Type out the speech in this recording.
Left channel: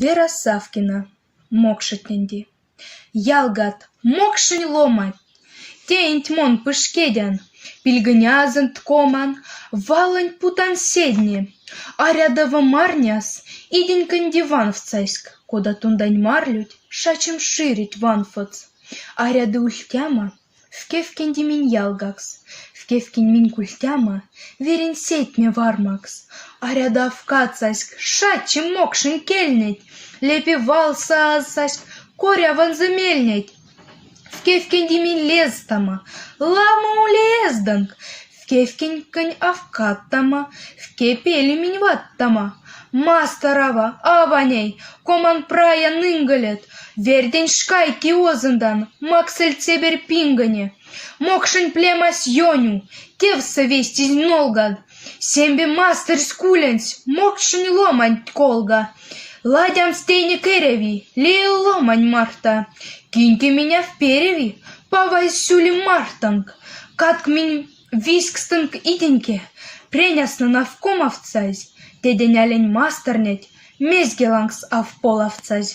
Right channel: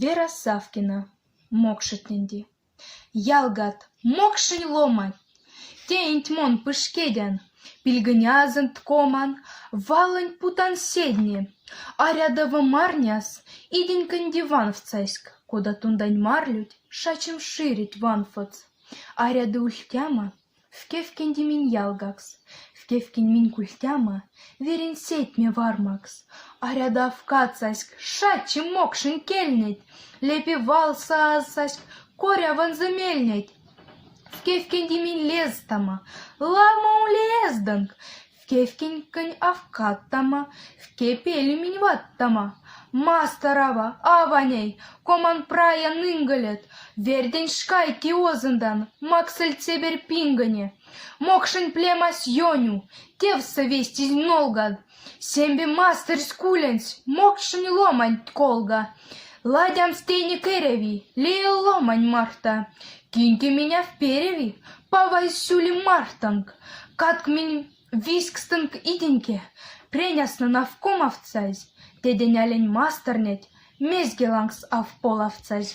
Вера Савкина, мокшетненди. Ялгат, мокшень ломать. Тень мон пышкедян, пильгнязен ткоман, валань путан седни. А рядово марняс, иденькань диван в цайск, куда тундань марлють, шачем ширить ванфоц. А ряды ультяма, в кевкенди минь ялгакс, в кевкень минь культяма, верен сетьме вармакс. А ряда в кацайск, шачем мокшень кельнеть, лепи валса азайск, коря ван замельнеть. В кевкенди минь лестама, ламу лезданг, в кевкенькань авкаттама, в кепели минь ваттама. Мастерова, аваней, коман прая нынгалет, вердень шкайки озандан, максель цебер пингане, мокшень племас йоню, тевса вестись нолгад, сембе мастер скуленс, мокшень ломань колга, ладян стейни кереви, лей ломань марта, киньте меня в переви, павайсюли мартанг, катк минь вискстанг иденьке, пренясна навкомовцайсь, Тедень олень мастернеть, мезгелангс авполовцазь.